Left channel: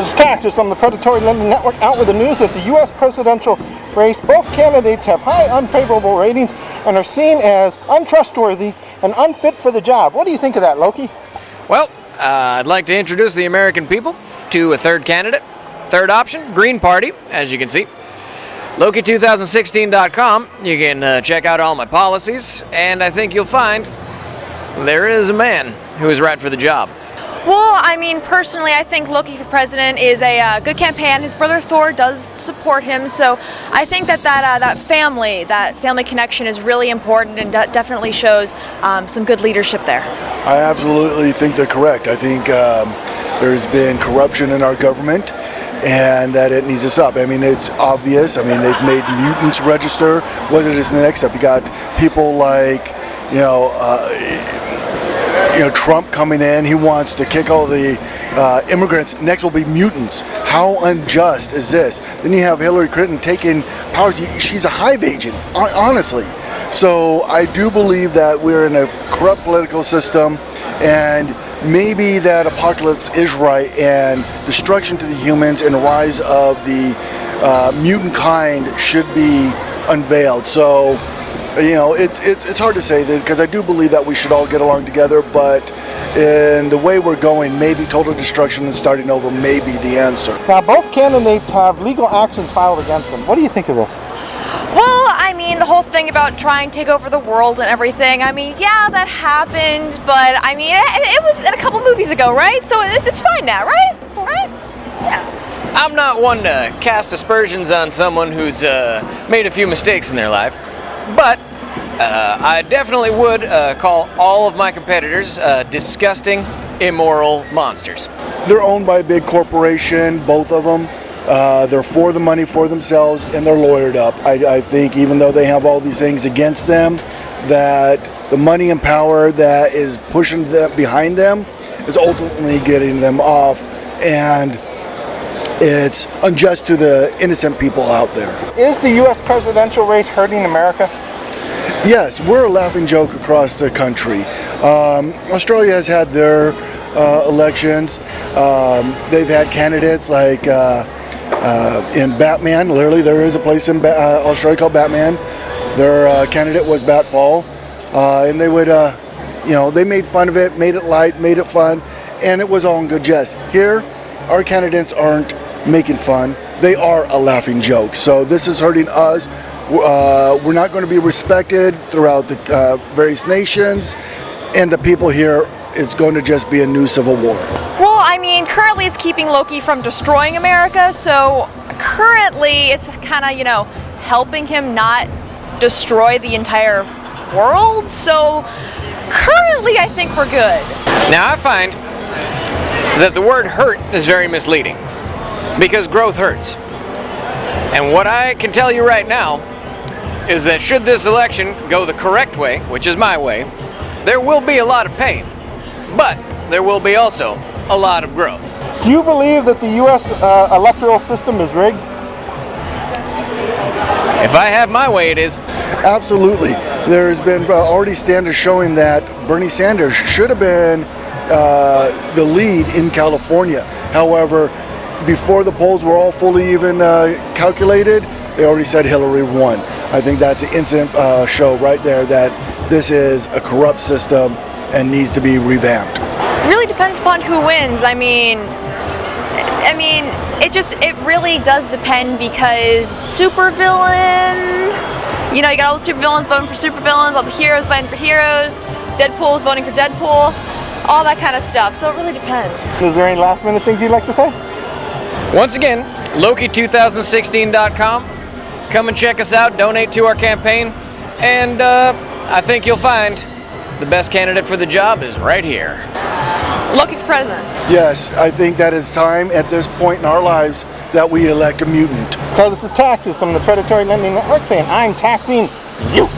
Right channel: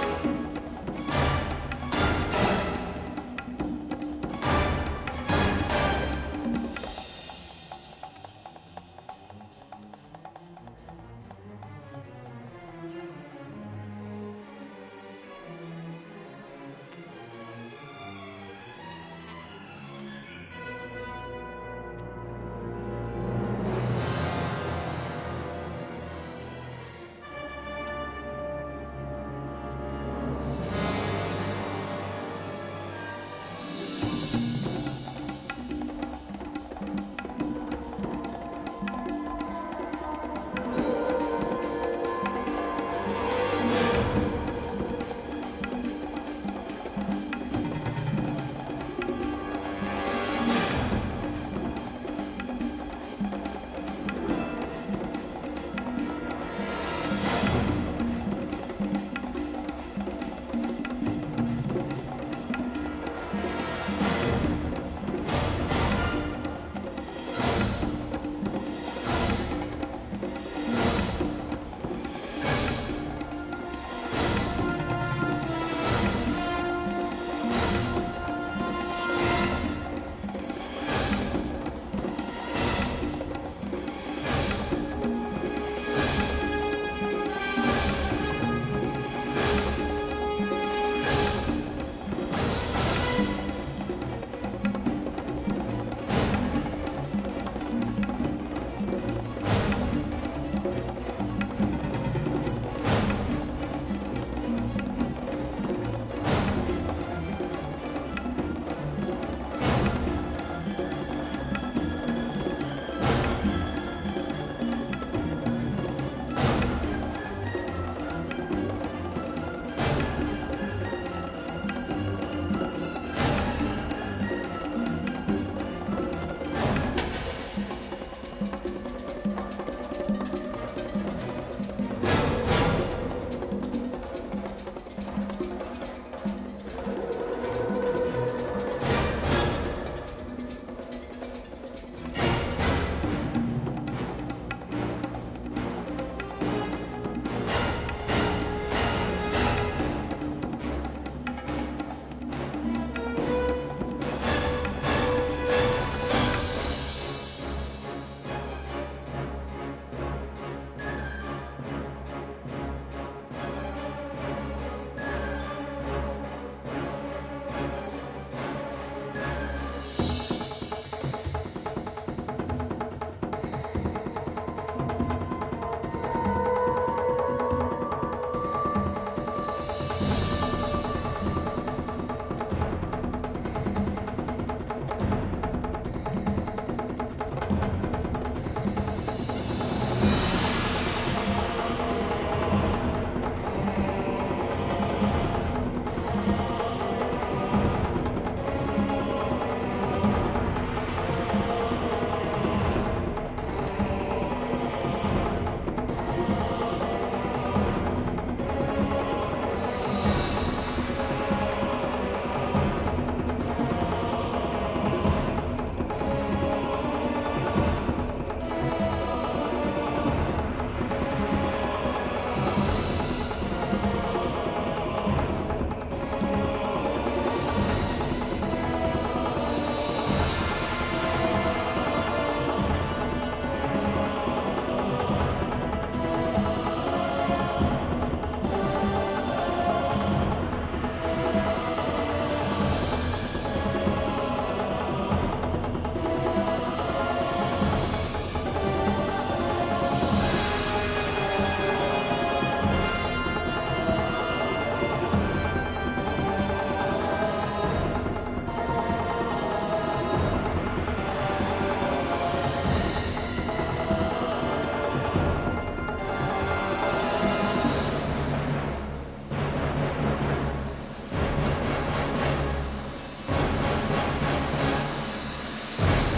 This is Taxes from the Predatory Lending Network out with the news that the U.S. presidential race, both candidates have high unfavorable ratings and are seen as untrustworthy and unfit for the job. What do you think of that, Loki? Well, I'd like to introduce the American people to a third candidate. Third option, Green Party, as you can see. Loki2016.com, you can check out all my policies, and I think you'll find there is a man who is right for the job. Well, I mean, personally, I think Loki for president is a good campaign. His brother Thor does support him, so I think that family connection is really important and definitely shows some good leadership there. I absolutely think they're correct. I think there's been corruption in our government and that it needs to stop. I mean, it's obvious. I mean, they've made mutants register. What is the next step? You got people like, Trump coming in. He wants to kick all the immigrants. Next will be mutants. How unjust is this? Then you have Hillary Clinton taking powers. She's a hive agent, honestly. So I do believe that we're in a corrupt political system, and maybe that apocalypse is right, and destruction to the humans and the rise of the mutant kind should be unveiled. So, it's hard to say that, because I do believe that we should all get along together, but in the way we're going, maybe total destruction and starting over may be the answer. Now, both candidates have legal actions filed against them. What do you think of this? Well, I mean, the whole thing about trying to take over the world and everything, I mean, yeah, that happened, but I mean, it was in a couple movies ago, right? So it's fine now, right? Right? Yeah. I'm not one to cast aspersions on someone who's made a few mistakes in their life, but I definitely would call all of my competitors disgusting, immoral monsters. They're owned by a big corporation, both of them. They're for the money for themselves, and they're lawyered up. I think even though they have all these things against them, that the money and power that is pushing them behind them is ultimately getting them off, and it's unjust to the innocent people out there. Is the U.S. presidential race hurting America? Yes, we're a laughing joke across the country. Australia has had their elections. They've had candidates like in Batman. Literally, there is a place in Australia called Batman. Their candidate was Batfall, and they would, they made fun of it, made it light, made it fun, and it was all in good jest. Here, our candidates aren't making fun. They are a laughing joke. So this is hurting us. We're not going to be respected throughout the various nations, and the people here, it's going to just be a new civil war. Well, I mean, currently it's keeping Loki from destroying America, so currently it's kind of, helping him not destroy the entire world. So currently I think we're good. Now, I find that the word hurt is very misleading, because growth hurts. And what I can tell you right now is that should this election go the correct way, which is my way, there will be a lot of pain, but there will be also a lot of growth. Do you believe that the U.S. Electoral system is rigged? If I have my way, it is. Absolutely. There's been already standards showing that Bernie Sanders should have been the lead in California. However, before the polls were all fully even calculated, they already said Hillary won. I think that's an instant show right there that this is a corrupt system and needs to be revamped. It really depends upon who wins. I mean, it really does depend, because supervillain, you got all the supervillains voting for supervillains, all the heroes voting for heroes, Deadpool's voting for Deadpool, all that kind of stuff. So it really depends. Is there any last minute things you'd like to say? Once again, Loki2016.com. Come and check us out, donate to our campaign, and I think you'll find the best candidate for the job is right here. Loki for president. Yes, I think that it's time at this point in our lives that we elect a mutant. So this is Taxes from the Predatory Lending Network saying I'm taxing you.